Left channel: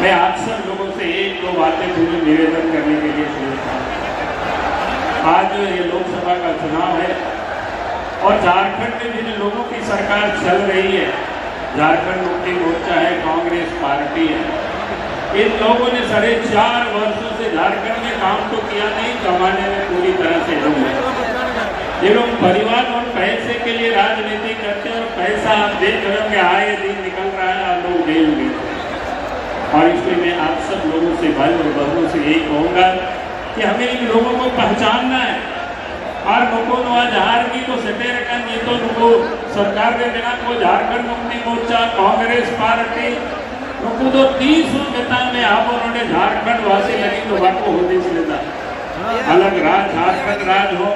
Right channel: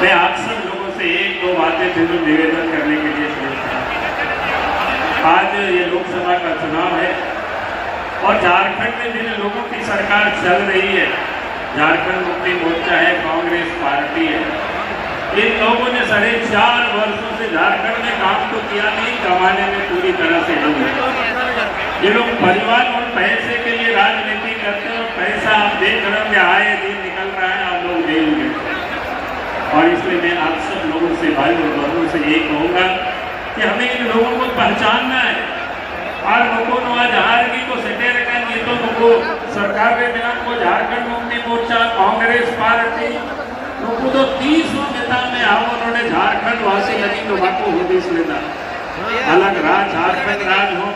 मैं आप सब लोगों से एक दो बातें फिर निवेदन करने के लिए सोचता हूँ। आज ये लोकसभा का चुनाव है और झारखंड में जिन लोगों की सरकार चल रही है, झारखंड मुक्ति मोर्चा है, कांग्रेस पार्टी है, इन लोगों ने 4.5 वर्षों से झारखंड में काम तो किया नहीं, कमाने में पूरी तरह से डूबे। ये लोग परिवार और पैसे के लिए राजनीति करते और पैसा आप देख रहे हो कि आए दिन निकल रहा है, आप लोग जेल में। और इसलिए मैं आप सब लोगों से, भाई और बहनों से यही कहूंगा कि हमें इन लोगों को पहचानना है। और लोगों को आज हारगी को सटे रखा, ये तो लोगों सरकार के दिना को झारखंड मुक्ति मोर्चा, कांग्रेस पार्टी लोगों तो 30 नेता में आप उन्होंने झारखंड वासी लगी तो बाको हो दिस नेता अलग राज, झारखंड राज हो।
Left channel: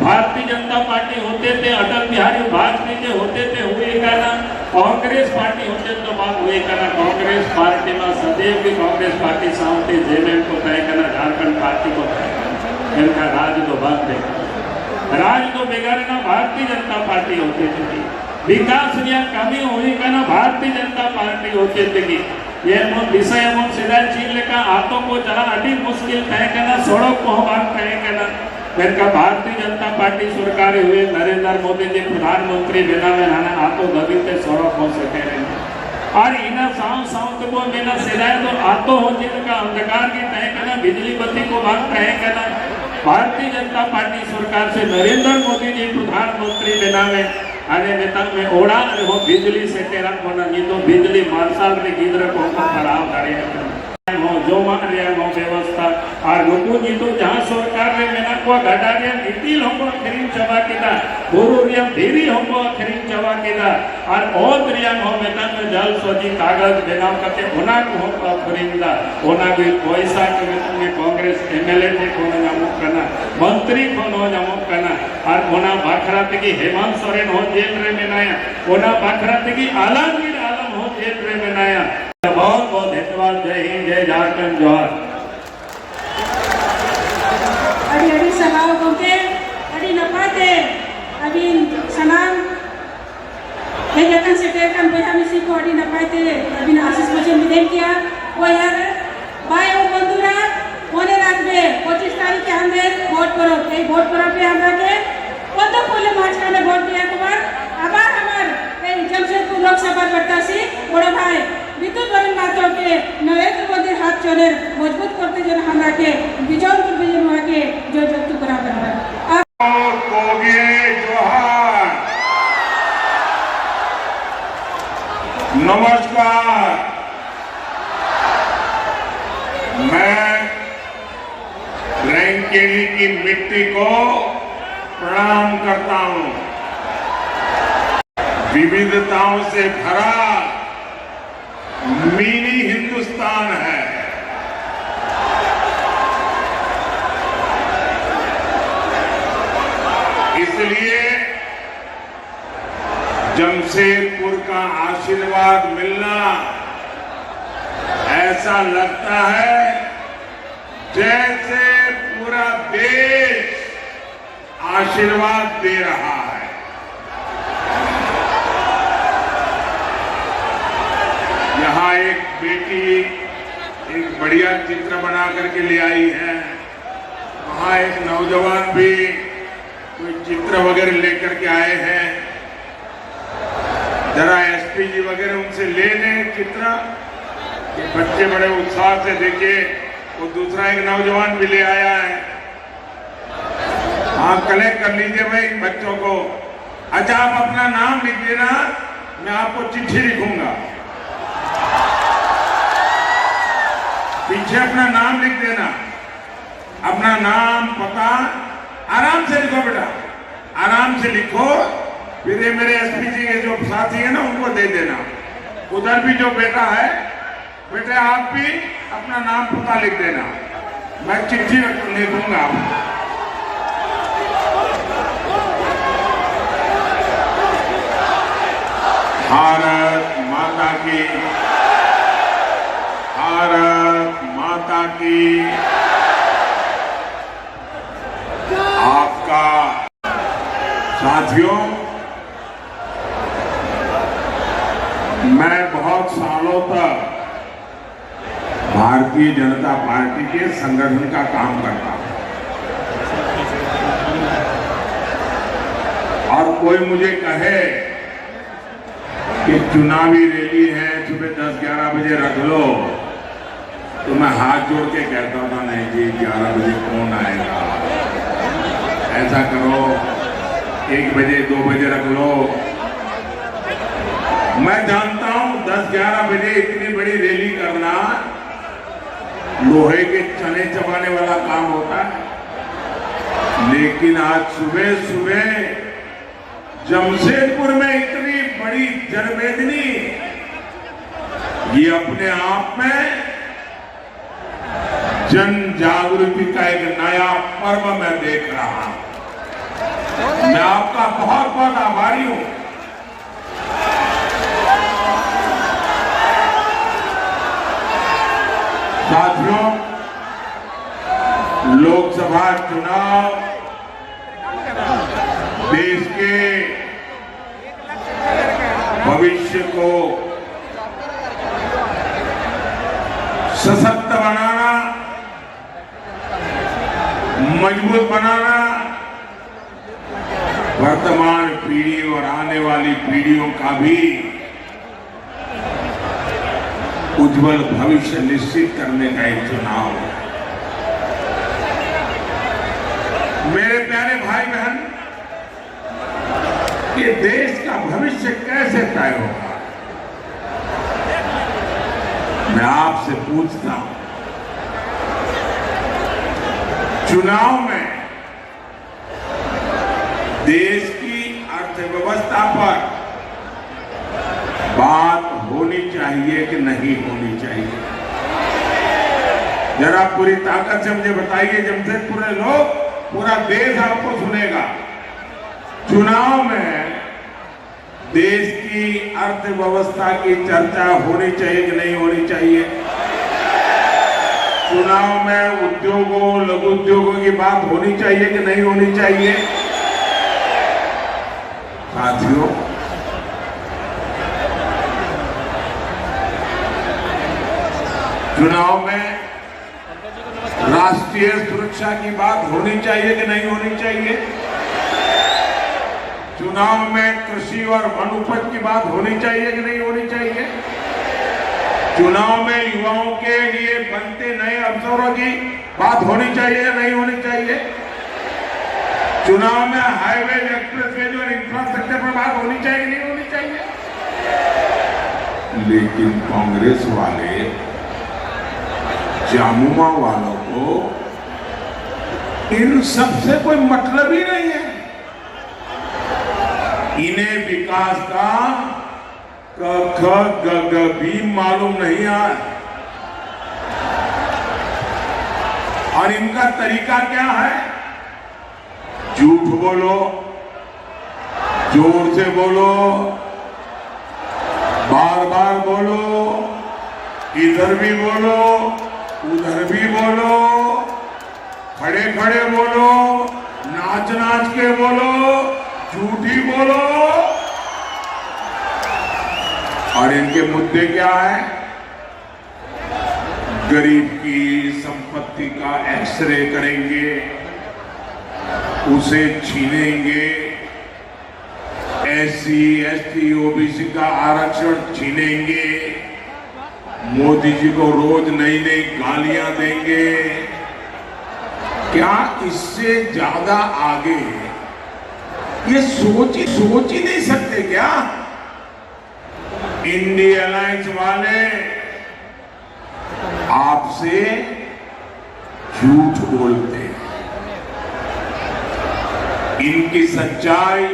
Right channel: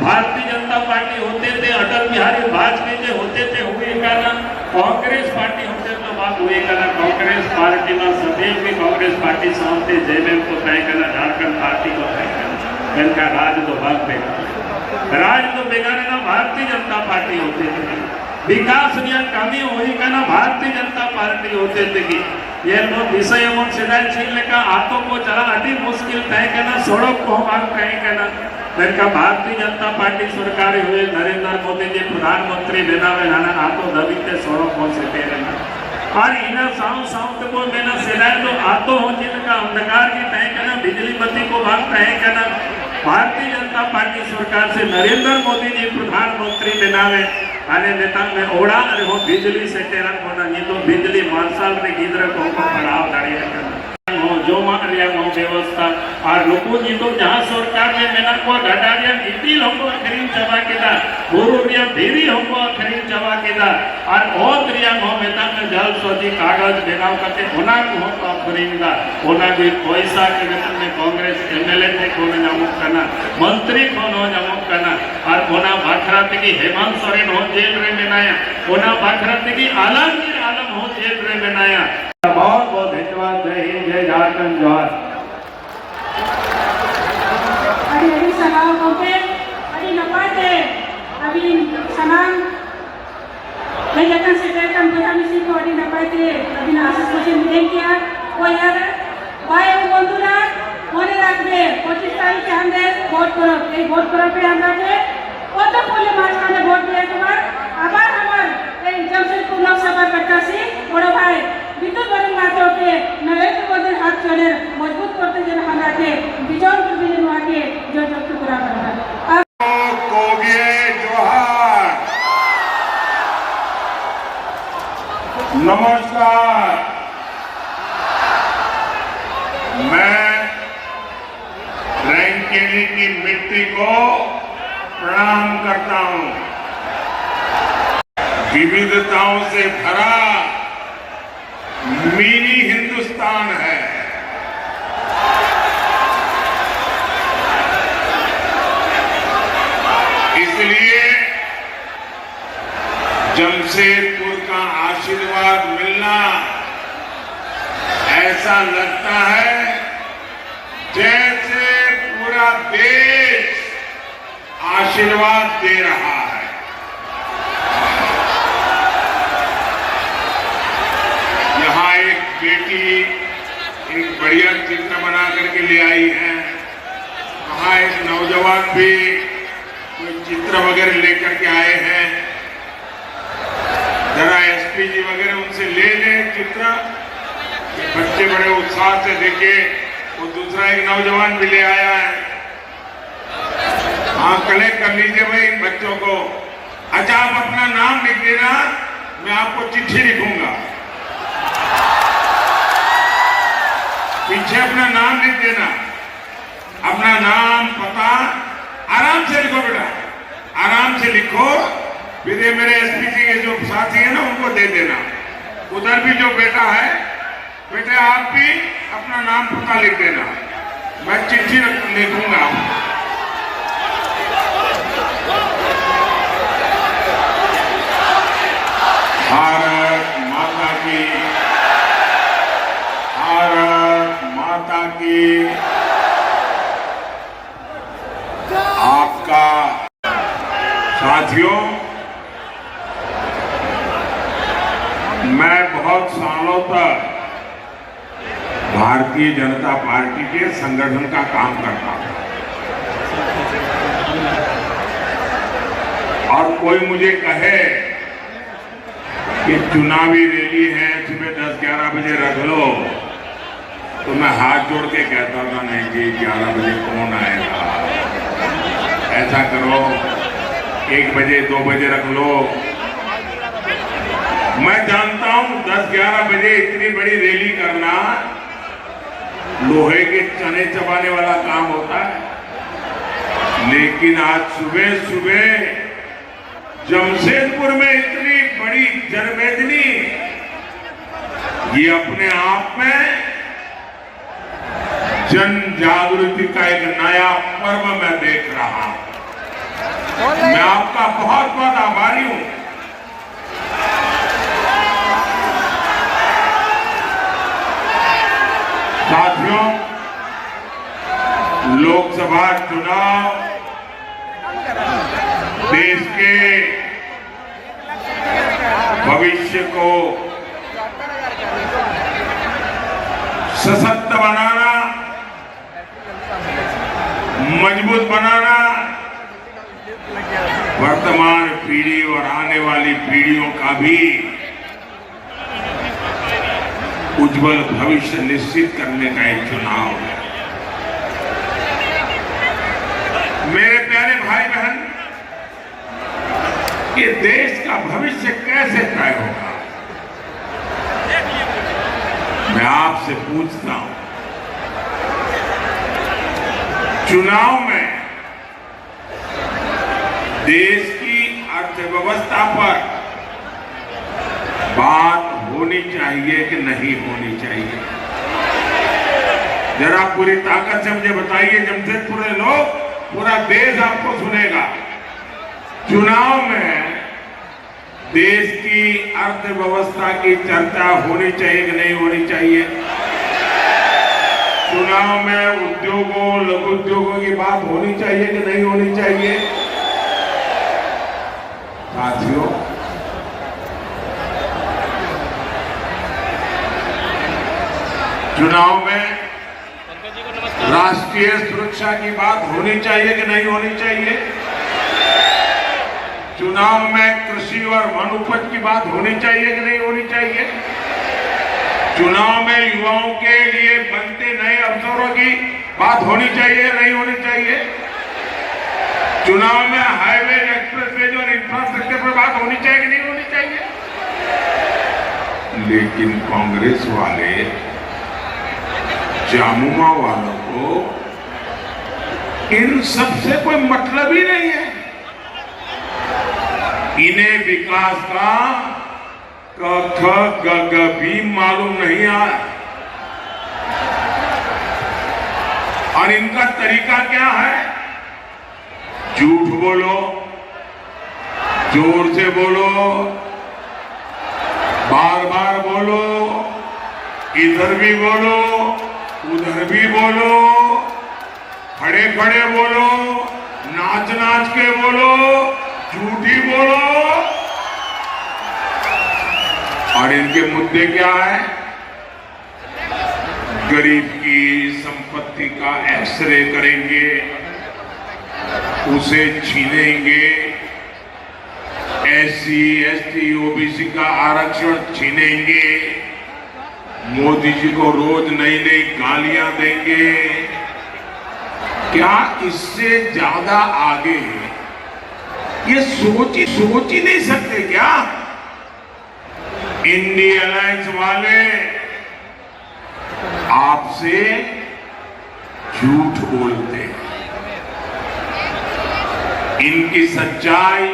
भारतीय जनता पार्टी होते थे, अटल बिहारी वाजपेयी के होते थे, हुए कहना कांग्रेस पार्टी होते तो बात हुए कहना कांग्रेस पार्टी में सदैव भी कांग्रेस पार्टी समझते जेबे तो कहे कहना झारखंड पार्टी को इनका राज तो बात है, राज तो बेगाना भारतीय जनता पार्टी होते थे। विकास कमी हुई कहना भारतीय जनता पार्टी होते थे कि ये विषय एवं सिदाय छीन का हाथों को जरा अति मुश्किल तय कहना सड़क को हम कहे कहना का भारतीय जनता पार्टी सरकार हुए नरेंद्र मोदी जी प्रधानमंत्री बनावे नाना आतो दबी ते सड़क हो सके और इना साव साव वो लेना सिलाए तो आतो हो जिनका अंधकार की तय कहना बिजली बत्ती को बात कहे कहना भारतीय जनता पार्टी सरकार से नरेंद्र मोदी जी प्रधानमंत्री बनावे आने नेता में ओढ़ा हो बिजली से तेरा होना ये तो बिजली मार्शल ने गिद्र को खराब कार्य जो मान लिया नो व्यवस्था और लोगों जी तो जहां सरकार ने मेहनत को घटा दिया इतिल हमको खरीद जमा किया बोरोरिया देवी हमको खरीद जमा किया और क्रिया नो वेतन में जल सोची कागज बनाव करके होना को हमको खरीदला होना भी पैसा के वेतन में कांग्रेस एमएलए थे कोने नामुक करना मंत्री को नो नामुक करना और होना भाखरा थे कि हेमंत सोरेन हो जेल रे बनाया होना भाखरा थे कि आलमगीर आलम हो जेल रे बनाया। बहुत बहुत धन्यवाद। जय हिंद, जय झारखंड, जोहार। अड़ी अड़ी सलाह होते अड़ी नपाते अभी सलाम मैं जगन से टेकन पे हम इसी को अड़ी नपाते अभी आशीष मुझे मिले किया वो यार भाई और बंधुरा होने रखबे 25 तारीख के अंदर वोट करो ये वोट करो पे हम के वो तो पहले मार्च का में वोट दिया के बाद अब हमार ए जमशेदपुर लोकसभा प्रत्याशी बड़ो भाई विद्युत बन मातो के नरेंद्र मोदी हाथ चले मजबूत करते जन हमरा के विजय विजन आगे जो जब करा करना नमस्कार। मैं रैंकेनी की मिट्टी को प्रणाम करता हूं। विविधताओं से भरा मिनी हिंदुस्तान है। इसलिए जमशेदपुर का आशीर्वाद मिलना ऐसा लगता है जैसे पूरा देश आशीर्वाद दे रहा है। यहाँ एक बेटी एक बढ़िया चित्र बना करके ले आई है, वहाँ एक नौजवान भी चित्र वगैरह लेकर के आए हैं। जरा एसपी जी वगैरह उनसे ले लें चित्र, बच्चे बड़े उत्साह से देखे। वो दूसरा एक नौजवान भी ले आया है, हाँ कलेक्ट कर लीजिए भाई बच्चों को। अच्छा आप अपना नाम लिख देना, मैं आपको चिट्ठी लिखूंगा, पीछे अपना नाम लिख देना, अपना नाम पता आराम से लिखो बेटा, आराम से लिखो। फिर ये मेरे एसपी जी के जो साथी है ना उनको दे देना। उधर भी जो बेटा है, बेटे आप भी अपना नाम पता लिख देना, मैं चिट्ठी लिखूंगा। भारत माता की, भारत माता की। आपका साथियों, मैं बहुत सालों तक भारतीय जनता पार्टी के संगठन का काम करता हूं। और कोई मुझे कहे कि चुनावी रैली है, सुबह 10-11 बजे रख लो, तो मैं हाथ जोड़ के कहता था नहीं जी 11 बजे कौन आएगा, ऐसा करो 1 बजे 2 बजे रख लो। मैं जानता हूं 10-11 बजे इतनी बड़ी रैली करना लोहे के चने चबाने वाला काम होता है, लेकिन आज सुबह सुबह जमशेदपुर में इतनी बड़ी जनमेदनी, ये अपने आप में जन जागृति का एक नया पर्व मैं देख रहा हूं। मैं आपका बहुत बहुत आभारी हूं। साथियों, लोकसभा चुनाव देश के भविष्य को सशक्त बनाना, मजबूत बनाना, वर्तमान पीढ़ी और आने वाली पीढ़ियों का भी उज्जवल भविष्य निश्चित करने का एक चुनाव है। मेरे प्यारे भाई बहन, ये देश का भविष्य कैसे तय होगा? मैं आपसे पूछता हूं, चुनाव में देश की अर्थव्यवस्था पर बात होनी चाहिए कि नहीं होनी चाहिए? जरा पूरी ताकत से मुझे बताइए। जमशेदपुर के लोग, पूरा देश आपको सुनेगा। चुनाव में देश की अर्थव्यवस्था की चर्चा होनी चाहिए कि नहीं होनी चाहिए? चुनाव में उद्योगों, लघु उद्योगों की बात होनी चाहिए कि नहीं होनी चाहिए? साथियों, चुनाव में राष्ट्रीय सुरक्षा की बात होनी चाहिए कि नहीं होनी चाहिए? चुनाव में कृषि और वन उपज की बात होनी चाहिए कि नहीं होनी चाहिए? चुनाव में युवाओं के लिए बनते नए अवसरों की बात होनी चाहिए या नहीं होनी चाहिए? चुनाव में हाईवे, एक्सप्रेसवे और इंफ्रास्ट्रक्चर पर बात होनी चाहिए कि नहीं होनी चाहिए? लेकिन कांग्रेस वाले, जामुआ वालों को इन सबसे कोई मतलब ही नहीं है। इन्हें विकास का क ख ग घ भी मालूम नहीं है। और इनका तरीका क्या है? झूठ बोलो, जोर से बोलो, बार बार बोलो, इधर भी बोलो, उधर भी बोलो, खड़े खड़े बोलो, नाच नाच के बोलो, झूठी बोलो। और इनके मुद्दे क्या है? गरीब की संपत्ति का एक्सरे करेंगे, उसे छीनेंगे, एससी, एसटी, ओबीसी का आरक्षण छीनेंगे, मोदी जी को रोज नई नई गालियां देंगे। क्या इससे ज्यादा आगे ये सोच ही नहीं सकते क्या? इंडिया अलायंस वाले आपसे झूठ बोलते हैं। इनकी सच्चाई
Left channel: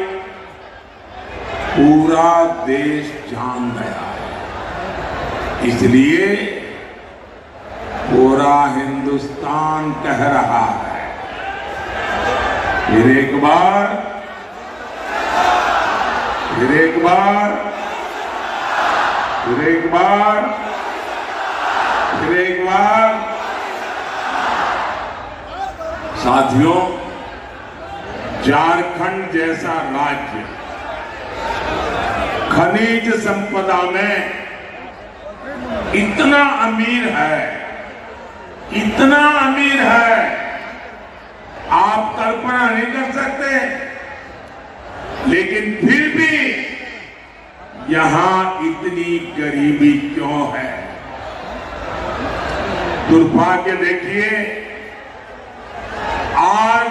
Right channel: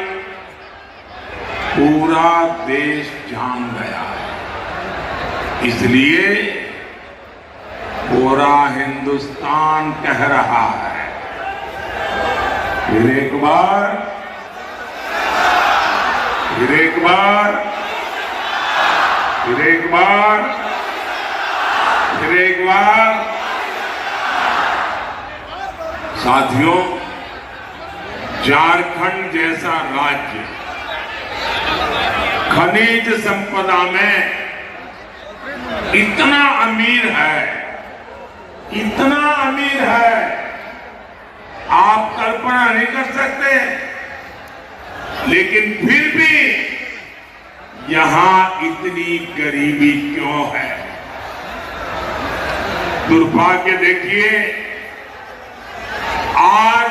पूरा देश जान गया है, इसलिए पूरा हिंदुस्तान कह रहा है, फिर एक बार, फिर एक बार, फिर एक बार, फिर एक बार। साथियों, झारखंड जैसा राज्य खनिज संपदा में इतना अमीर है इतना अमीर है, आप कल्पना नहीं कर सकते। लेकिन फिर भी यहां इतनी गरीबी क्यों है? दुर्भाग्य देखिए, आज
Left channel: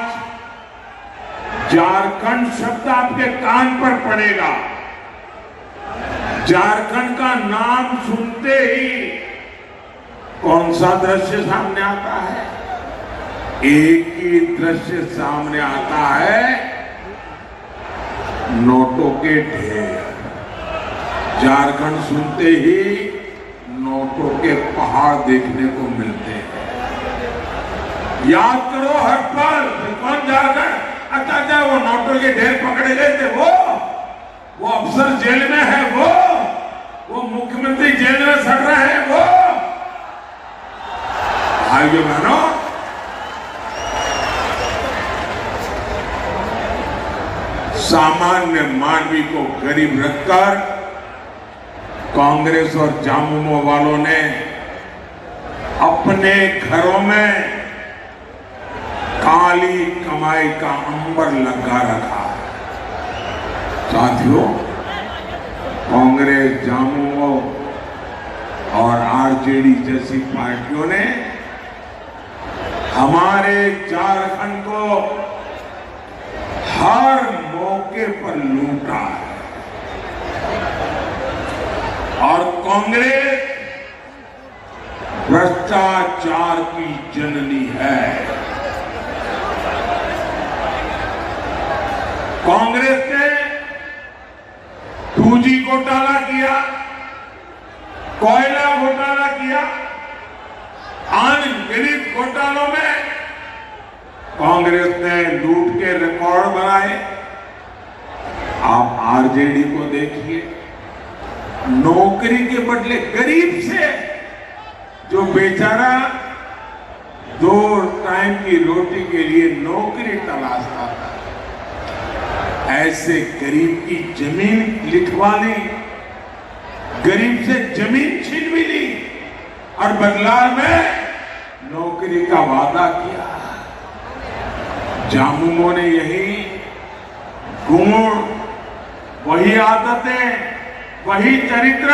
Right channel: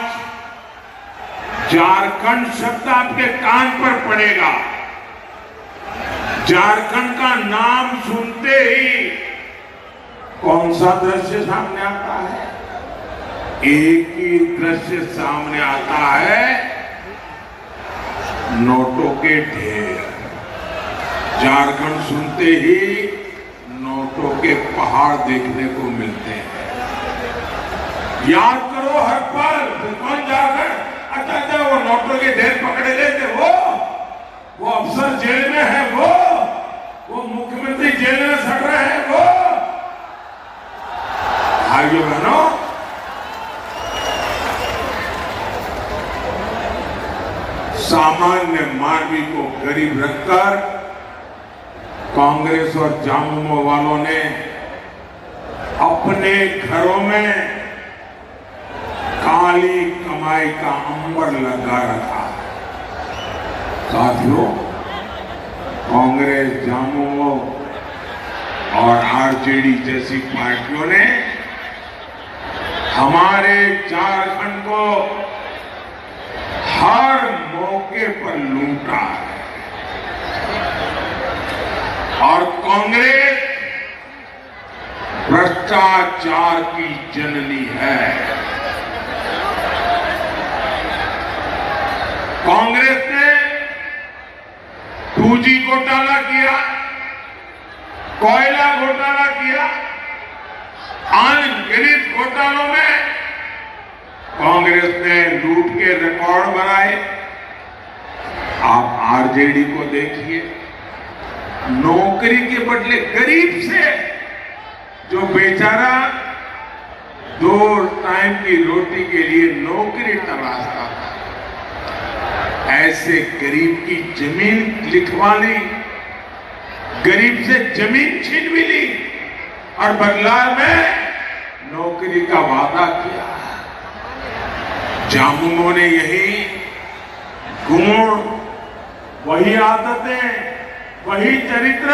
झारखंड शब्द आपके कान पर पड़ेगा, झारखंड का नाम सुनते ही कौन सा दृश्य सामने आता है? एक ही दृश्य सामने आता है, नोटों के ढेर। झारखंड सुनते ही नोटों के पहाड़ देखने को मिलते हैं। याद करो हर पल, कौन झारखंड? अच्छा, वो नोटों के ढेर पकड़े लेते, वो अफसर जेल में है, वो मुख्यमंत्री जेल में सड़ रहे हैं, वो भाइयों बहनों, सामान्य मानवी को गरीब रखकर कांग्रेस और झामुमो वालों ने अपने घरों में काली कमाई का अंबर लगा रखा। साथियों, कांग्रेस, झामुमो और आरजेडी जैसी पार्टियों ने हमारे झारखंड को हर मौके पर लूटा है। और कांग्रेस भ्रष्टाचार की जननी है। कांग्रेस ने 2G घोटाला किया, कोयला घोटाला किया, अनगिनत घोटालों में कांग्रेस ने लूट के रिकॉर्ड बनाए। आप आरजेडी को देखिए, नौकरी के बदले गरीब से जो बेचारा 2 टाइम की रोटी के लिए नौकरी तलाशता था, ऐसे गरीब की जमीन लिखवा ली, गरीब से जमीन छीन भी ली और बदलाव में नौकरी का वादा किया। झामुमो ने यही गुण, वही आदतें, वही चरित्र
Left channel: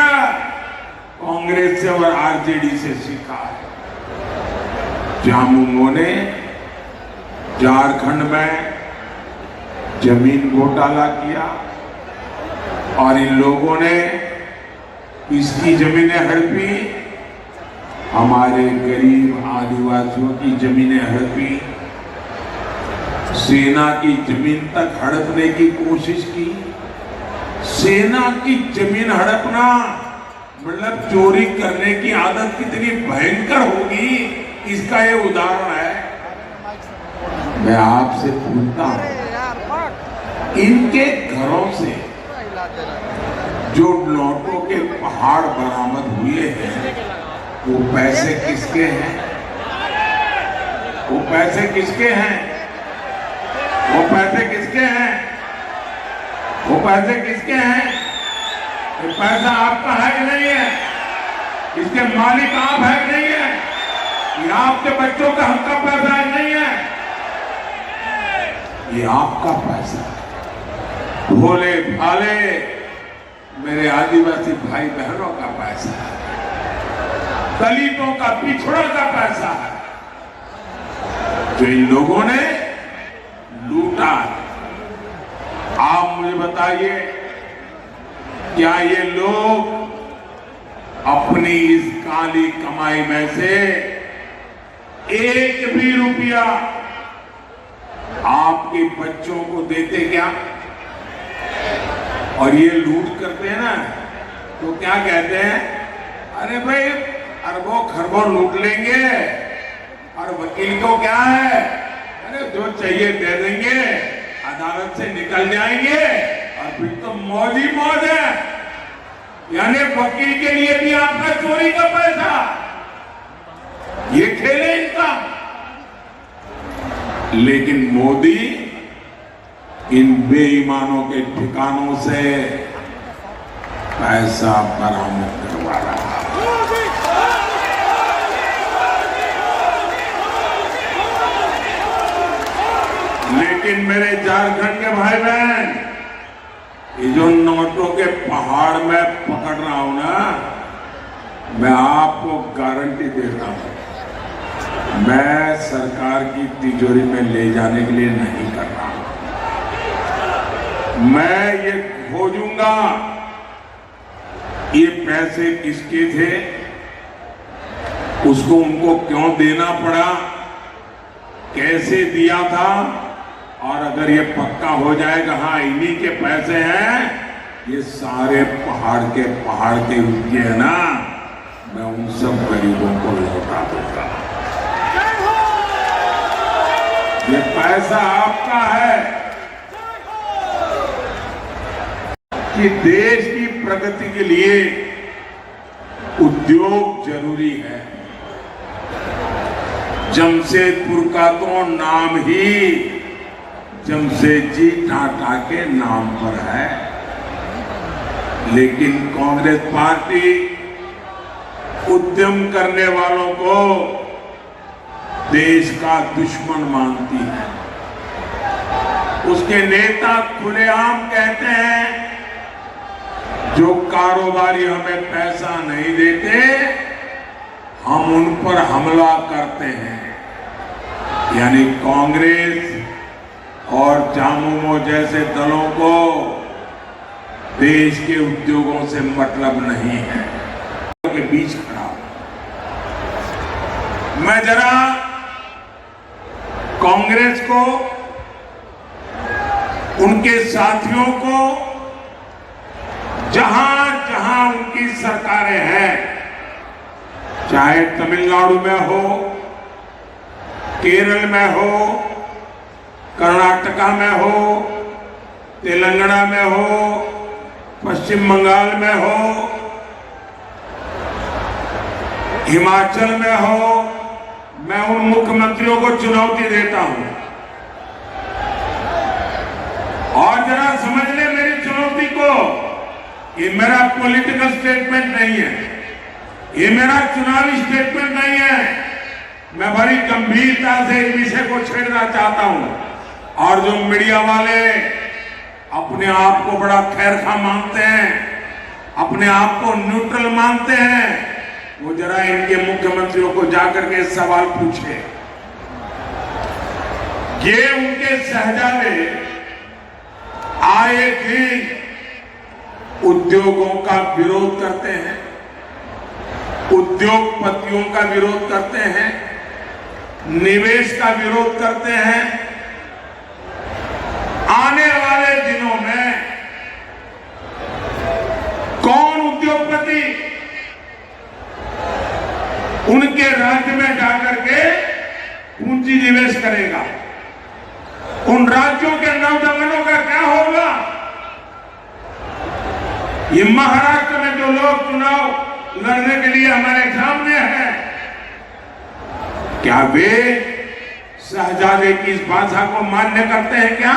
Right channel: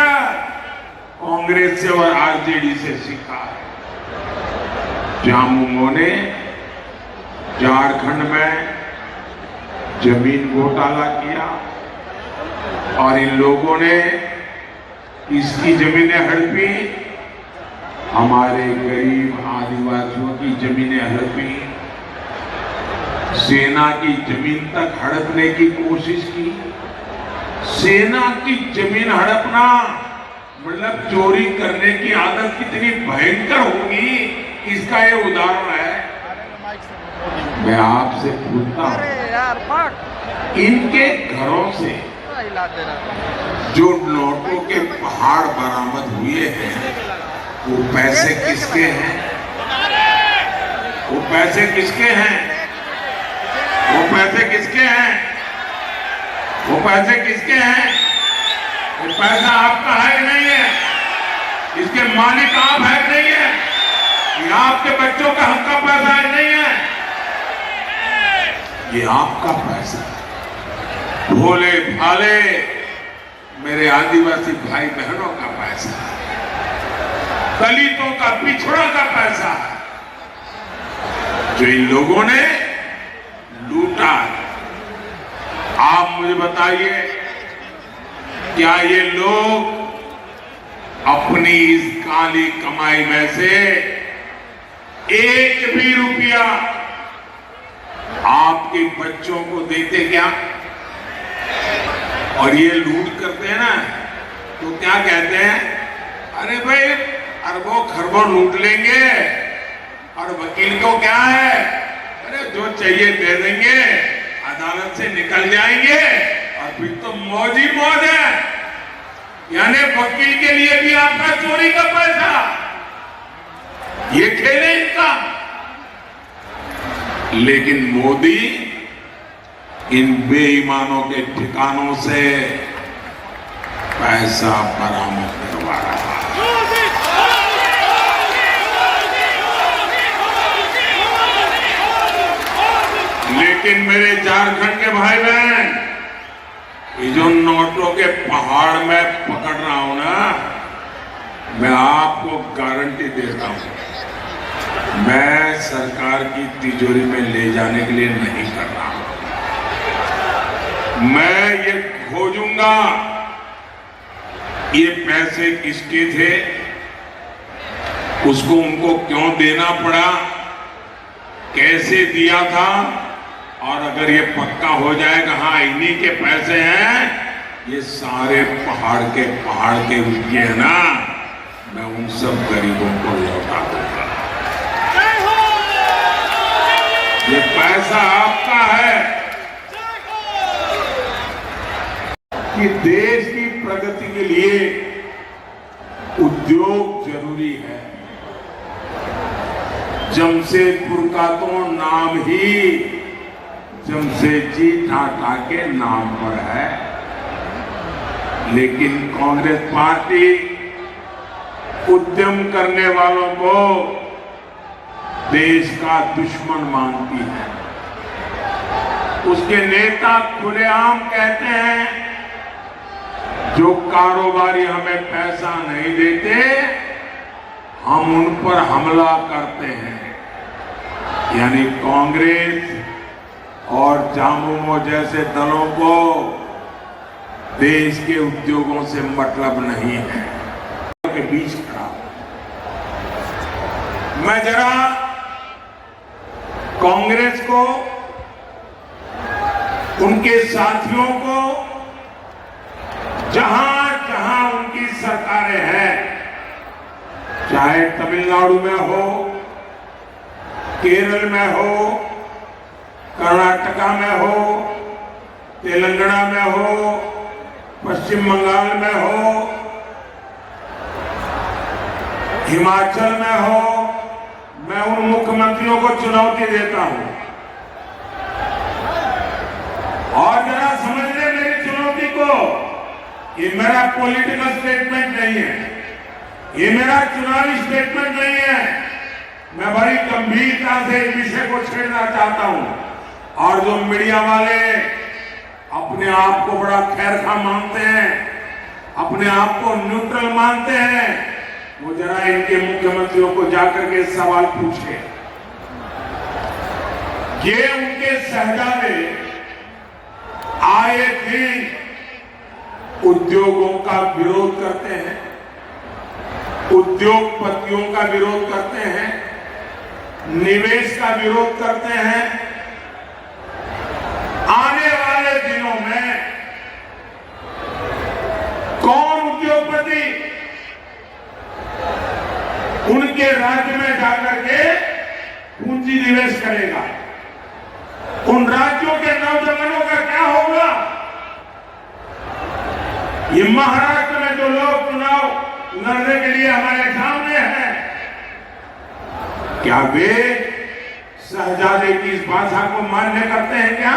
कांग्रेस से और आरजेडी से सीखा है। झामुमो ने झारखंड में जमीन घोटाला किया और इन लोगों ने इसकी जमीनें हड़पी, हमारे गरीब आदिवासियों की जमीनें हड़पी, सेना की जमीन तक हड़पने की कोशिश की। सेना की जमीन हड़पना मतलब चोरी करने की आदत कितनी भयंकर होगी, इसका ये उदाहरण है। मैं आपसे पूछता हूं, इनके घरों से जो नोटों के पहाड़ बरामद हुए हैं, वो पैसे किसके हैं? वो पैसे किसके हैं? वो पैसे किसके हैं? वो पैसे किसके हैं? वो पैसा आपका है कि नहीं है? इसके मालिक आप है कि नहीं है? ये आपके बच्चों का हक का पैसा है नहीं है? ये आपका पैसा है। भोले भाले मेरे आदिवासी भाई बहनों का पैसा है, दलितों का, पिछड़ों का पैसा है, जो इन लोगों ने लूटा। आप मुझे बताइए, क्या ये लोग अपनी इस काली कमाई में से एक भी रुपया आपके बच्चों को देते क्या? और ये लूट करते हैं ना, तो क्या कहते हैं? अरे भाई, अरबों खरबों लूट लेंगे और वकील को क्या है, अरे जो चाहिए दे देंगे, अदालत से निकल जाएंगे और फिर तो मौज ही मौज है। यानी वकील के लिए भी आपका चोरी का पैसा, ये खेले इनका। लेकिन मोदी इन बेईमानों के ठिकानों से पैसा बरामद करवा रहा है। लेकिन मेरे झारखंड के भाई बहन, ये जो नोटों के पहाड़ में पकड़ रहा हूं ना, मैं आपको गारंटी देता हूं, मैं सरकार की तिजोरी में ले जाने के लिए नहीं कर रहा हूं। मैं ये खोजूंगा ये पैसे किसके थे, उसको उनको क्यों देना पड़ा, कैसे दिया था, और अगर ये पक्का हो जाएगा हाँ इन्हीं के पैसे हैं, ये सारे पहाड़ के रुपये ना मैं उन सब गरीबों को लौटा दूंगा। ये पैसा आपका है कि देश की प्रगति के लिए उद्योग जरूरी है। जमशेदपुर का तो नाम ही जमशेदजी टाटा के नाम पर है, लेकिन कांग्रेस पार्टी उद्यम करने वालों को देश का दुश्मन मानती है। उसके नेता खुलेआम कहते हैं जो कारोबारी हमें पैसा नहीं देते हम उन पर हमला करते हैं। यानी कांग्रेस और झामुमो जैसे दलों को देश के उद्योगों से मतलब नहीं है। के बीच खड़ा मैं जरा कांग्रेस को, उनके साथियों को, जहां जहां उनकी सरकारें हैं, चाहे तमिलनाडु में हो, केरल में हो, कर्नाटका में हो, तेलंगाना में हो, पश्चिम बंगाल में हो, हिमाचल में हो, मैं उन मुख्यमंत्रियों को चुनौती देता हूं और जरा समझ ले मेरी चुनौती को। ये मेरा पॉलिटिकल स्टेटमेंट नहीं है, ये मेरा चुनावी स्टेटमेंट नहीं है। मैं बड़ी गंभीरता से इस विषय को छेड़ना चाहता हूं। और जो मीडिया वाले अपने आप को बड़ा खैरखा मानते हैं, अपने आप को न्यूट्रल मानते हैं, वो जरा इनके मुख्यमंत्रियों को जाकर के सवाल पूछे। ये उनके शहजादे आए दिन उद्योगों का विरोध करते हैं, उद्योगपतियों का विरोध करते हैं, निवेश का विरोध करते हैं। आने वाले दिनों में कौन उद्योगपति उनके राज्य में जाकर के पूंजी निवेश करेगा? उन राज्यों के नौजवानों का क्या होगा? ये महाराष्ट्र में जो लोग चुनाव लड़ने के लिए हमारे सामने हैं, क्या वे शहजादे की इस भाषा को मान्य करते हैं? क्या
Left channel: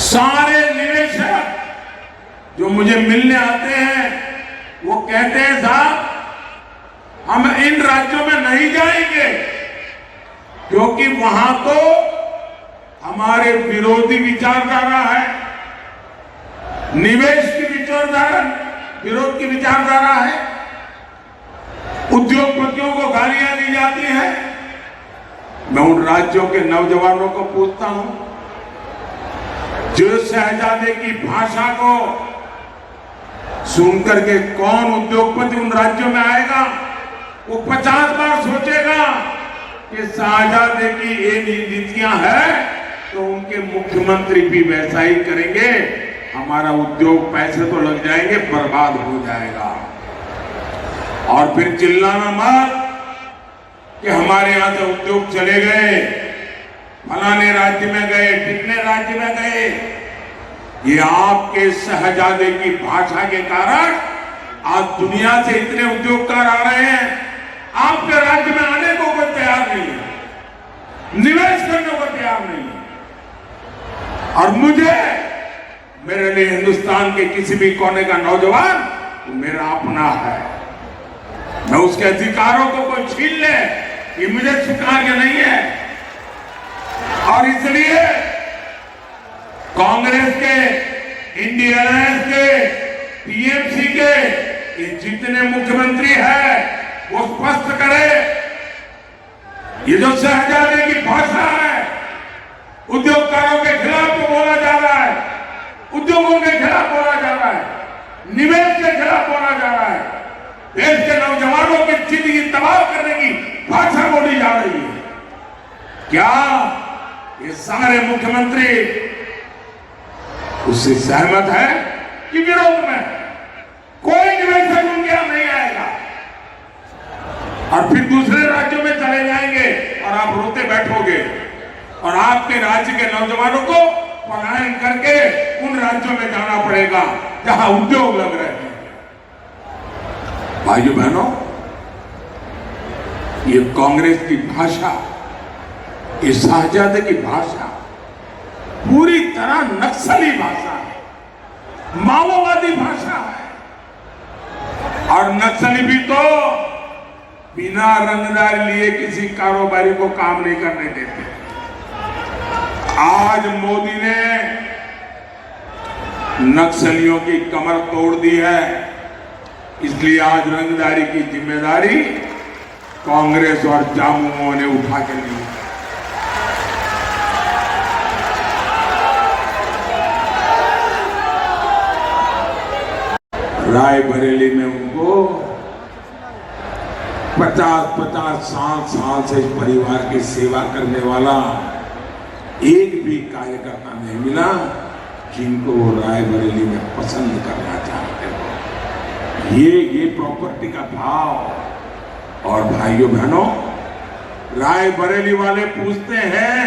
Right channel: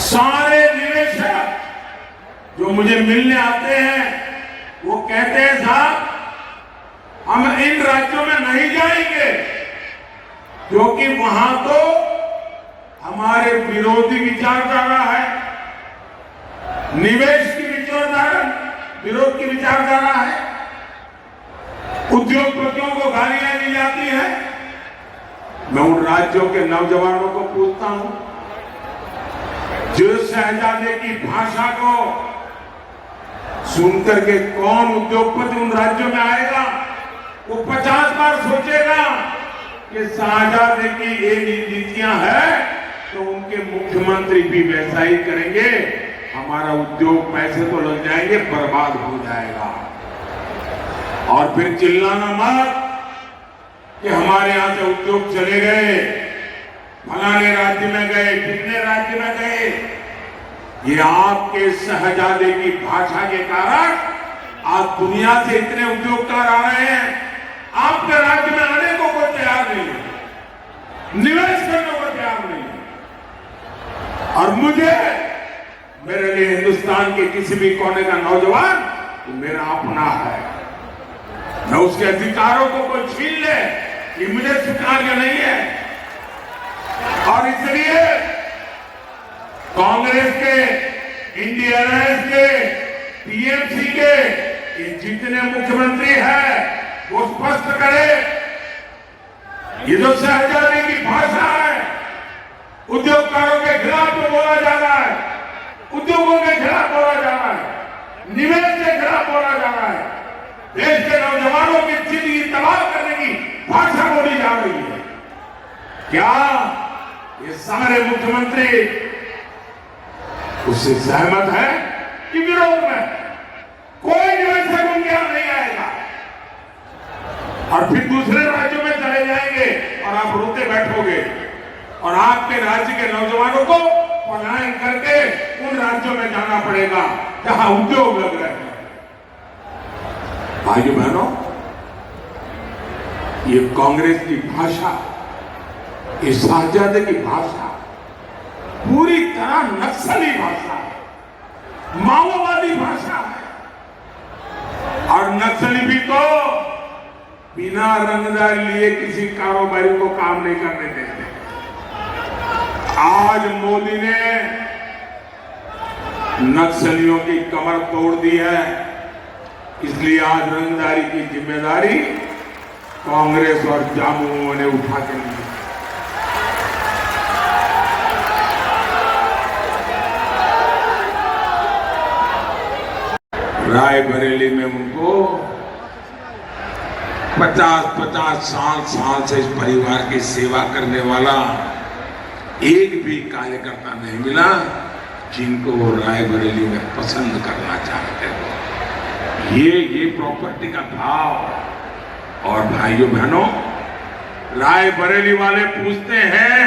सारे निवेशक जो मुझे मिलने आते हैं वो कहते हैं साहब हम इन राज्यों में नहीं जाएंगे क्योंकि वहां तो हमारे विरोधी विचारधारा है, निवेश की विचारधारा, विरोध की विचारधारा है, उद्योगपतियों को गालियां दी जाती है। मैं उन राज्यों के नौजवानों को पूछता हूं जो शहजादे की भाषा को सुनकर के कौन उद्योगपति उन राज्यों में आएगा? वो 50 बार सोचेगा कि शहजादे की ये नीतियां हैं तो उनके मुख्यमंत्री भी वैसा ही करेंगे, हमारा उद्योग पैसे तो लग जाएंगे, बर्बाद हो जाएगा। और फिर चिल्लाना मत कि हमारे यहां से उद्योग चले गए, फलाने राज्य में गए, कितने राज्य में गए। ये आपके शहजादे की भाषा के कारण आज दुनिया से इतने उद्योगकार आ रहे हैं, आपके राज्य में आने को कोई तैयार नहीं है, निवेश करने को तैयार नहीं है। और मुझे, मेरे लिए हिंदुस्तान के किसी भी कोने का नौजवान तो मेरा अपना है। मैं उसके अधिकारों को कोई छीन ले ये मुझे स्वीकार्य नहीं है। और इसलिए कांग्रेस के, इंडिया अलायंस के, टीएमसी के ये जितने मुख्यमंत्री हैं वो स्पष्ट करे, ये जो शहजादे की भाषा है, उद्योगकारों के खिलाफ जो बोला जा रहा है, उद्योगों के खिलाफ बोला जा रहा है, निवेश के खिलाफ बोला जा रहा है, देश के नौजवानों की जिंदगी तबाह करने की भाषा बोली जा रही है। क्या ये सारे मुख्यमंत्री उससे सहमत है कि विरोध में? कोई निवेशक उनके यहां नहीं आएगा और फिर दूसरे राज्यों में चले जाएंगे और आप रोते बैठोगे और आपके राज्य के नौजवानों को पलायन करके उन राज्यों में जाना पड़ेगा जहां उद्योग लग रहे हैं। भाइयों बहनों, ये कांग्रेस की भाषा, ये शहजादे की भाषा पूरी तरह नक्सली भाषा है, माओवादी भाषा है। और नक्सली भी तो बिना रंगदार लिए किसी कारोबारी को काम नहीं करने देते। आज मोदी ने नक्सलियों की कमर तोड़ दी है, इसलिए आज रंगदारी की जिम्मेदारी कांग्रेस और जामुओं ने उठा के ली है। रायबरेली में उनको 50-50 साल से इस परिवार की सेवा करने वाला एक भी कार्यकर्ता नहीं मिला जिनको वो रायबरेली में पसंद करना चाहते हो। ये प्रॉपर्टी का भाव। और भाइयों बहनों, रायबरेली वाले पूछते हैं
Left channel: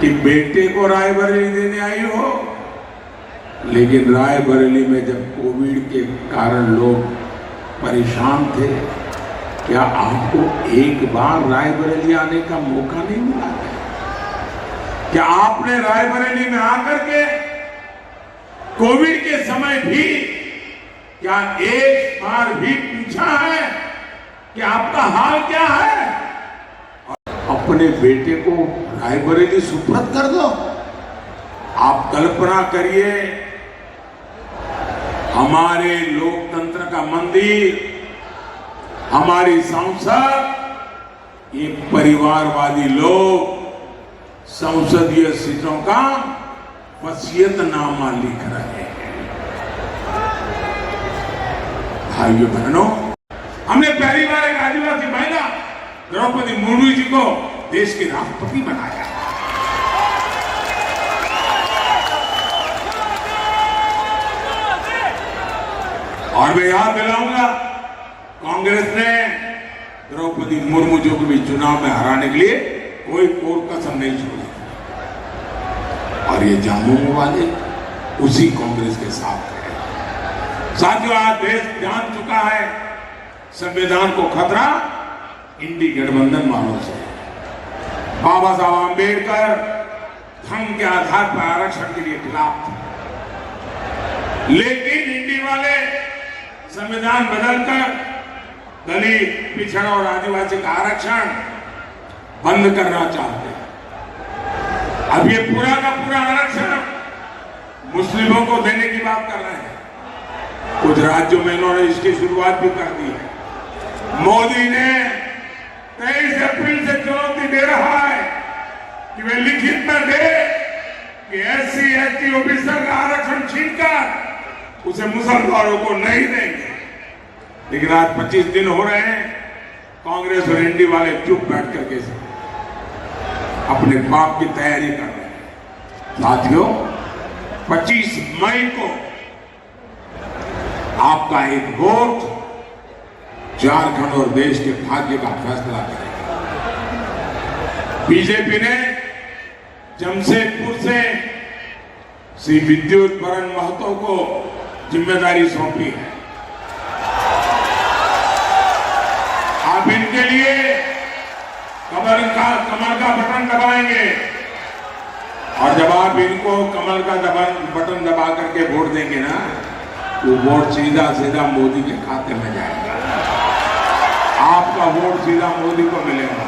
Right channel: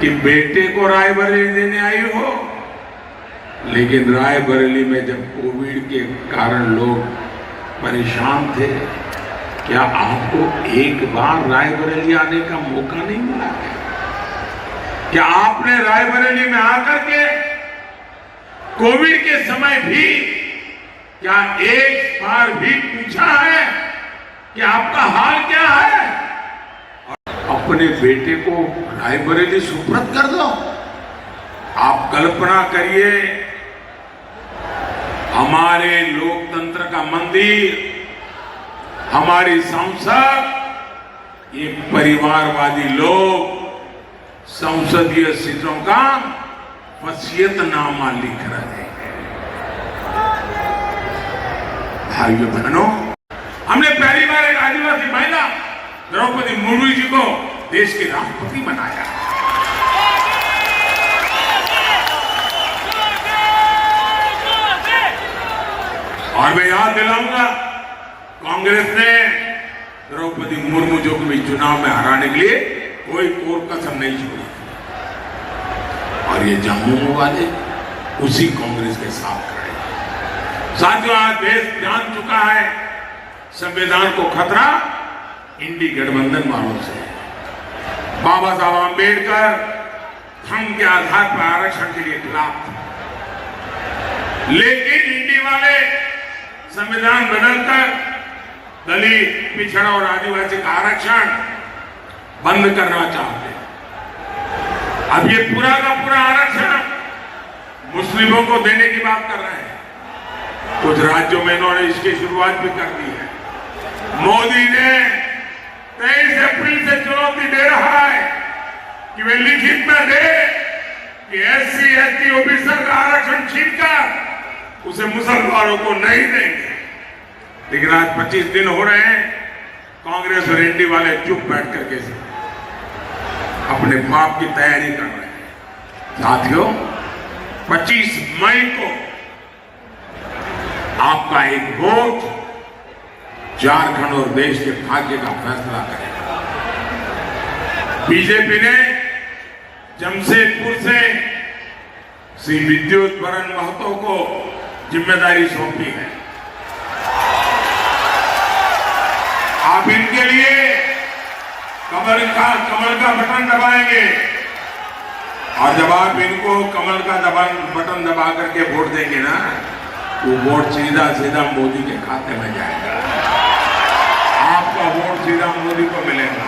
कि बेटे को रायबरेली देने आई हो, लेकिन रायबरेली में जब कोविड के कारण लोग परेशान थे, क्या आपको एक बार रायबरेली आने का मौका नहीं मिला है? क्या आपने रायबरेली में आकर के कोविड के समय भी क्या एक बार भी पूछा है कि आपका हाल क्या है? अपने बेटे को रायबरेली सुपुर्द कर दो। आप कल्पना करिए, हमारे लोकतंत्र का मंदिर, हमारी संसद, ये परिवारवादी लोग संसदीय सीटों का वसीयतनामा लिख रहे हैं। भाइयों बहनों, हमने पहली बार एक आदिवासी महिला द्रौपदी मुर्मू जी को देश के राष्ट्रपति बनाया। और मैं याद दिलाऊंगा, कांग्रेस ने द्रौपदी मुर्मू जी को भी चुनाव में हराने के लिए कोई कसम नहीं छोड़ी। और ये जम्मू वाले उसी कांग्रेस के साथ खड़े। साथियों, आज देश जान चुका है संविधान को खतरा इंडी गठबंधन वालों से। बाबा साहब आंबेडकर धर्म के आधार पर आरक्षण के लिए खिलाफ थे, लेकिन इंडी वाले संविधान बदलकर दलित, पिछड़ा और आदिवासी का आरक्षण बंद करना चाहते। अब ये पूरा का पूरा आरक्षण मुस्लिमों को देने की बात कर रहे हैं। कुछ राज्यों में इन्होंने इसकी शुरुआत भी कर दी है। मोदी ने 23 अप्रैल से चुनौती दे रहा है कि वे लिखित में दे कि SC, ST, OBC का आरक्षण छीनकर उसे मुसलमानों को नहीं देंगे। लेकिन आज 25 दिन हो रहे हैं, कांग्रेस और इंडी वाले चुप बैठ करके अपने बाप की तैयारी कर रहे हैं। साथियों, 25 मई को आपका एक वोट झारखंड और देश के भाग्य का फैसला करेगा। बीजेपी ने जमशेदपुर से श्री विद्युत बरन महतो को जिम्मेदारी सौंपी है। आप इनके लिए कमल का बटन दबाएंगे और जब आप इनको कमल का बटन दबा करके वोट देंगे ना, तो वोट सीधा मोदी के खाते में जाएगा। आपका वोट सीधा मोदी को मिलेगा।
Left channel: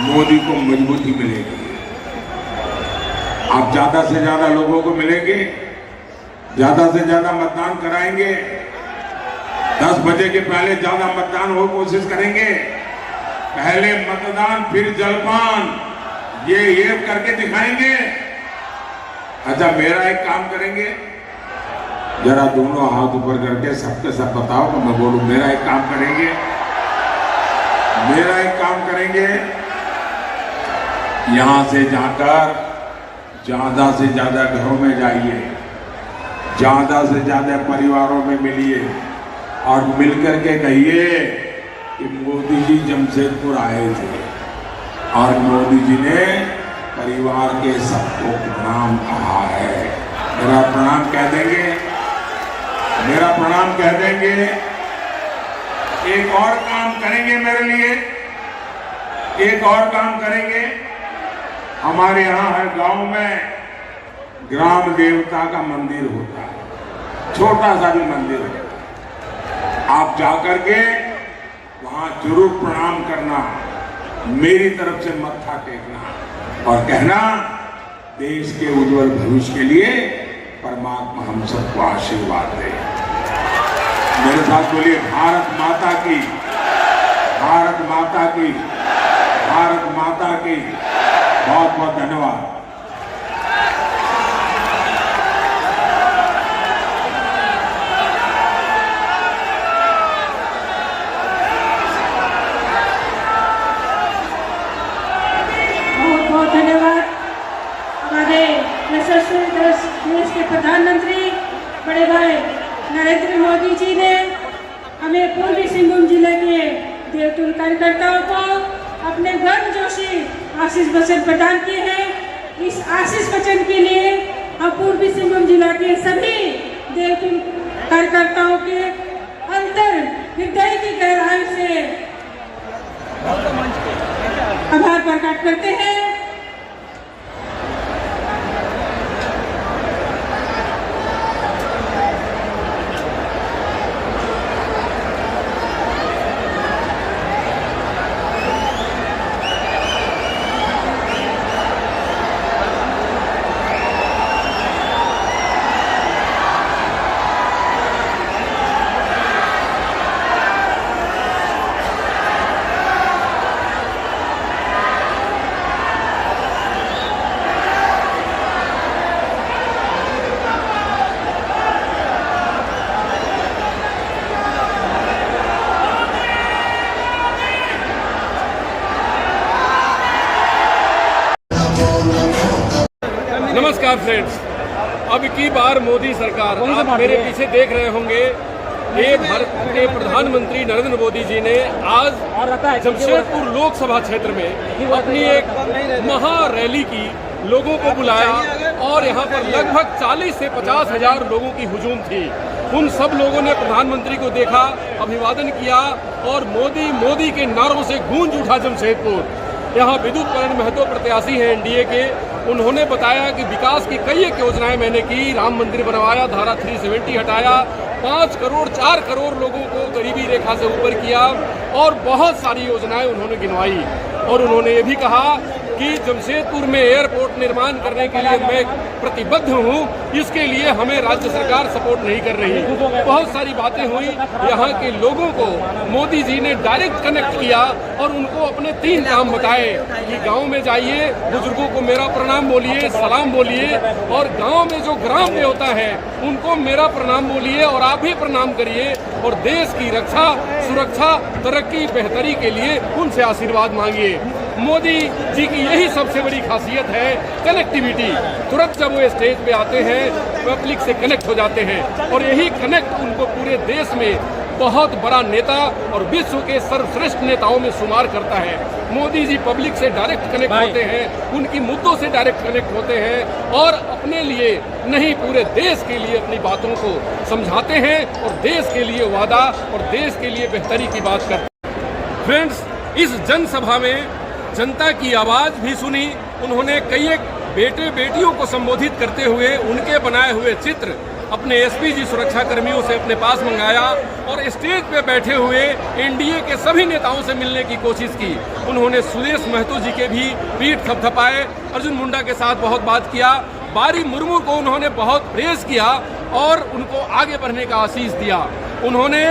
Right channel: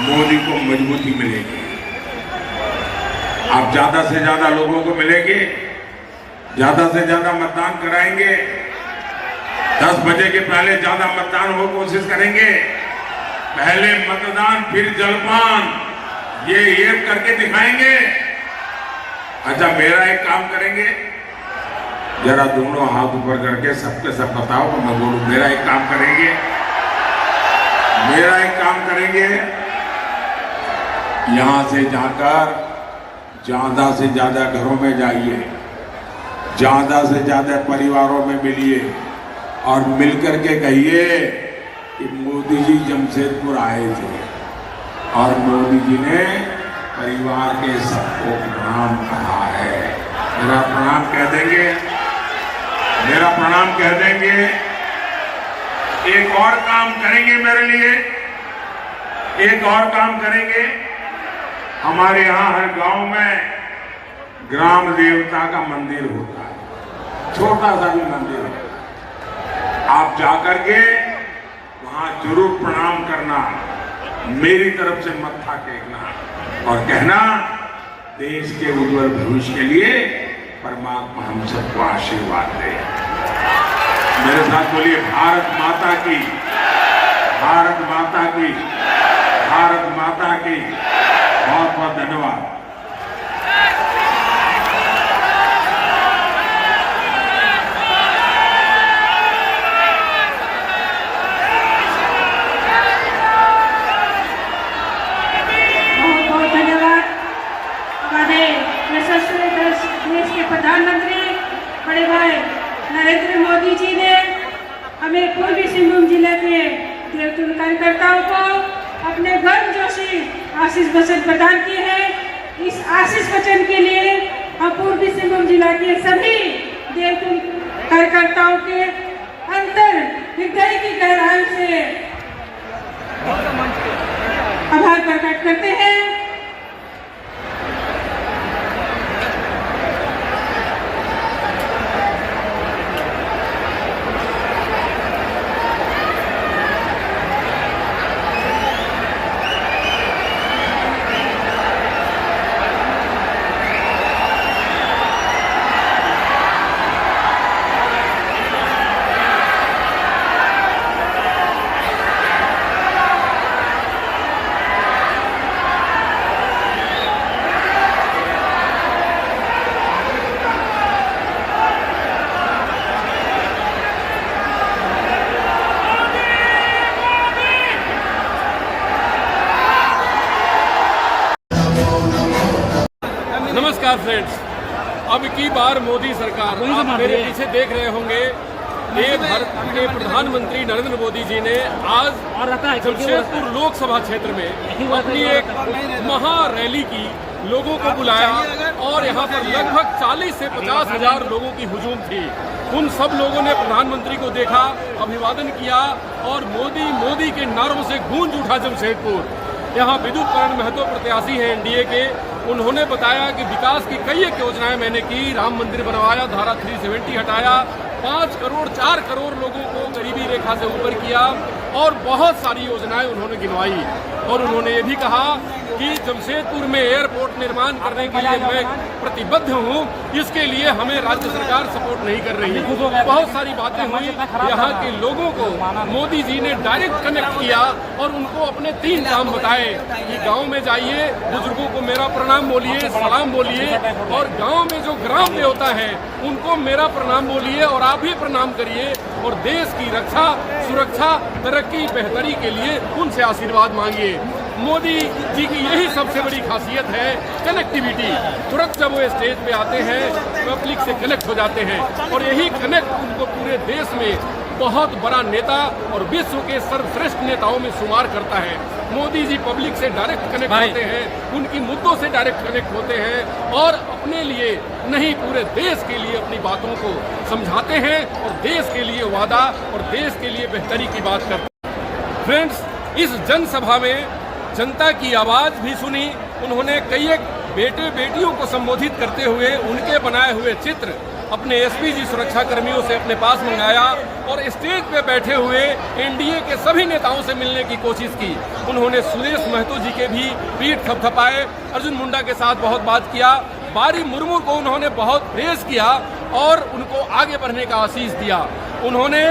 मोदी को मजबूती मिलेगी। आप ज्यादा से ज्यादा लोगों को मिलेंगे, ज्यादा से ज्यादा मतदान कराएंगे, 10 बजे के पहले ज्यादा मतदान हो कोशिश करेंगे। पहले मतदान फिर जलपान, ये एक करके दिखाएंगे। अच्छा, मेरा एक काम करेंगे, जरा दोनों हाथ ऊपर करके सबके सब बताओ तो मैं बोलूं। मेरा एक काम करेंगे, यहां से जाकर ज्यादा से ज्यादा घरों में जाइए, ज्यादा से ज्यादा परिवारों में मिलिए और मिलकर के कहिए कि मोदी जी जमशेदपुर आए थे और मोदी जी ने परिवार के सबको प्रणाम कहा है। मेरा प्रणाम कह देंगे, मेरा प्रणाम कह देंगे। एक और काम करेंगे मेरे लिए, एक और काम करेंगे। हमारे यहां हर गांव में ग्राम देवता का मंदिर होता है, छोटा सा भी मंदिर है। आप जाकर के वहां जरूर प्रणाम करना, मेरी तरफ से मत्था टेकना और कहना देश के उज्जवल भविष्य के लिए परमात्मा हम सबको आशीर्वाद दे। मेरे साथ बोलिए, भारत माता की, भारत माता की, भारत माता की। बहुत बहुत धन्यवाद। बहुत बहुत धन्यवाद हमारे यशस्वी देश के प्रधानमंत्री बड़े भाई नरेंद्र मोदी जी ने हमें पूर्वी सिंहभूम जिले के देवतुल्य कार्यकर्ताओं को अपने गर्म जोशी आशीष वचन प्रदान किए हैं। इस आशीष वचन के लिए हम पूर्वी सिंहभूम जिला के सभी देवतुल्य कार्यकर्ताओं के अंतर हृदय की गहराई से आभार प्रकट करते हैं। नमस्कार फ्रेंड्स, अब की बार मोदी सरकार, आप मेरे पीछे देख रहे होंगे, ये भारत के प्रधानमंत्री नरेंद्र मोदी जी ने आज जमशेदपुर लोकसभा क्षेत्र में अपनी एक महा रैली की, लोगों को बुलाया और यहाँ पर लगभग 40 से 50 हजार लोगों की हुजूम थी। उन सब लोगों ने प्रधानमंत्री को देखा, अभिवादन किया और मोदी मोदी के नारों से गूंज उठा जमशेदपुर। यहाँ विद्युत करण महतो प्रत्याशी हैं एनडीए के, उन्होंने बताया कि विकास की कई एक योजनाएं मैंने की, राम मंदिर बनवाया, धारा 370 हटाया, 5 करोड़ 4 करोड़ लोगों को गरीबी रेखा से ऊपर किया और बहुत सारी योजनाएं उन्होंने गिनवाई। और उन्होंने ये भी कहा कि जमशेदपुर में एयरपोर्ट निर्माण करने के लिए मैं प्रतिबद्ध हूं, इसके लिए हमें राज्य सरकार सपोर्ट नहीं कर रही। बहुत सारी बातें हुई। यहाँ के लोगों को मोदी जी ने डायरेक्ट कनेक्ट किया और उनको अपने 3 काम बताए कि गांव में जाइए, बुजुर्गों को मेरा प्रणाम बोलिए, सलाम बोलिए और गांव में जो ग्राम देवता है उनको मेरा प्रणाम बोलिए और आप भी प्रणाम करिए और देश की रक्षा, सुरक्षा, तरक्की, बेहतरी के लिए उनसे आशीर्वाद मांगिए। मोदी जी की यही सबसे बड़ी खासियत है, कनेक्टिविटी। तुरंत जब वो स्टेज पे आते हैं पब्लिक से कनेक्ट हो जाते हैं और यही कनेक्ट उनको पूरे देश में बहुत बड़ा नेता और विश्व के सर्वश्रेष्ठ नेताओं में शुमार करता है। मोदी जी पब्लिक से डायरेक्ट कनेक्ट होते हैं, उनकी मुद्दों से डायरेक्ट कनेक्ट होते हैं और अपने लिए नहीं पूरे देश के लिए अपनी बातों को समझाते हैं और देश के लिए वादा और देश के लिए बेहतरी की बात करते हैं। फ्रेंड्स, इस जनसभा में जनता की आवाज भी सुनी। उन्होंने कई एक बेटे बेटियों को संबोधित करते हुए उनके बनाए हुए चित्र अपने एसपीजी सुरक्षा कर्मियों से अपने पास मंगाया और स्टेज पे बैठे हुए एनडीए के सभी नेताओं से मिलने की कोशिश की। उन्होंने सुदेश महतो जी के भी पीठ थपथपाए, अर्जुन मुंडा के साथ बहुत बात किया, बारी मुर्मू को उन्होंने बहुत प्रेज किया और उनको आगे बढ़ने का आशीष दिया। उन्होंने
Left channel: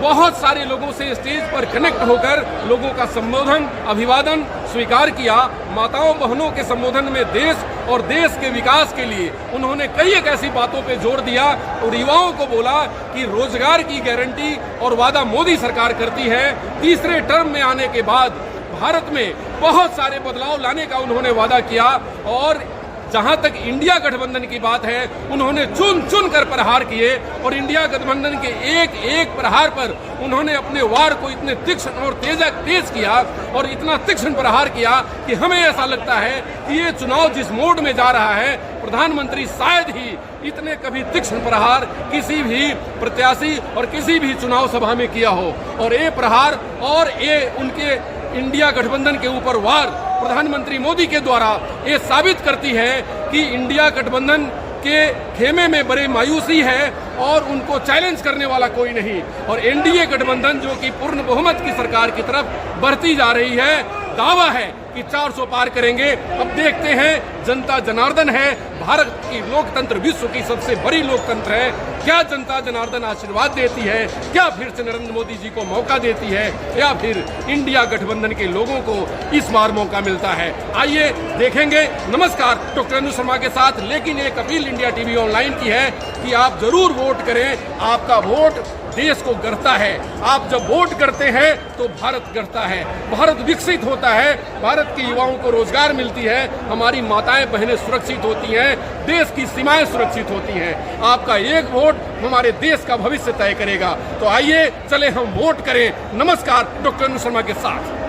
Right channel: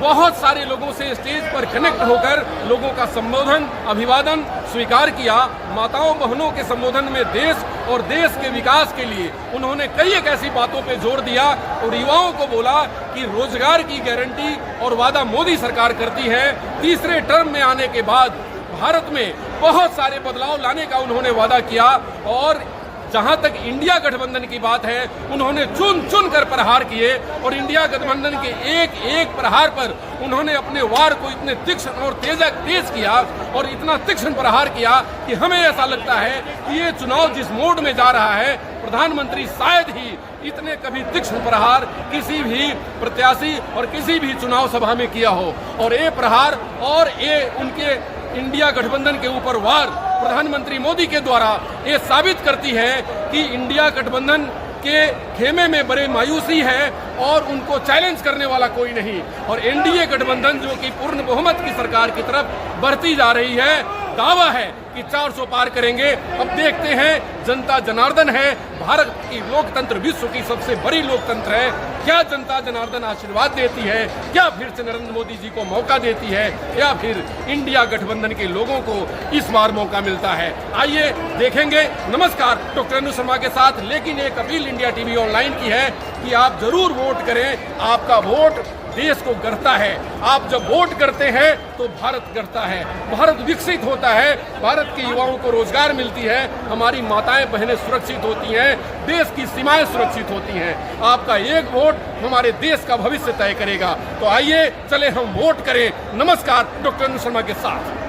बहुत सारे लोगों से स्टेज पर कनेक्ट होकर लोगों का संबोधन, अभिवादन स्वीकार किया। माताओं बहनों के संबोधन में देश और देश के विकास के लिए उन्होंने कई एक ऐसी बातों पे जोर दिया और युवाओं को बोला कि रोजगार की गारंटी और वादा मोदी सरकार करती है। तीसरे टर्म में आने के बाद भारत में बहुत सारे बदलाव लाने का उन्होंने वादा किया और जहां तक इंडिया गठबंधन की बात है, उन्होंने चुन चुन कर प्रहार किए और इंडिया गठबंधन के एक एक प्रहार पर उन्होंने अपने वार को इतने तीक्ष्ण और तेज किया और इतना तीक्ष्ण प्रहार किया कि हमें ऐसा लगता है कि ये चुनाव जिस मोड में जा रहा है, प्रधानमंत्री शायद ही इतने कभी तीक्ष्ण प्रहार किसी भी प्रत्याशी और किसी भी चुनाव सभा में किया हो। और ये प्रहार और ये उनके इंडिया गठबंधन के ऊपर वार प्रधानमंत्री मोदी के द्वारा ये साबित करती है कि इंडिया गठबंधन के खेमे में बड़े मायूसी है और उनको चैलेंज करने वाला कोई नहीं। और एनडीए गठबंधन जो कि पूर्ण बहुमत की सरकार की तरफ बढ़ती जा रही है, दावा है कि 400 पार करेंगे। अब देखते हैं, जनता जनार्दन है, भारत की लोकतंत्र विश्व की सबसे बड़ी लोकतंत्र है। क्या जनता जनार्दन आशीर्वाद देती है? क्या फिर से नरेंद्र मोदी जी को मौका देती है या फिर इंडिया गठबंधन के लोगों को इस बार मौका मिलता है? आइए देखेंगे। नमस्कार, डॉक्टर अनु शर्मा के साथ। लेकिन एक अपील इंडिया टीवी ऑनलाइन की है कि आप जरूर वोट करें। आपका वोट देश को गढ़ता है। आप जब वोट करते हैं तो भारत गढ़ता है, भारत विकसित होता है, भारत के युवाओं को रोजगार मिलती है, हमारी माताएं बहनें सुरक्षित होती हैं, देश की सीमाएं सुरक्षित होती हैं। आपका एक वोट हमारे देश का भविष्य तय करेगा। तो आइए चले हम वोट करें। नमस्कार, डॉक्टर अनु शर्मा के साथ।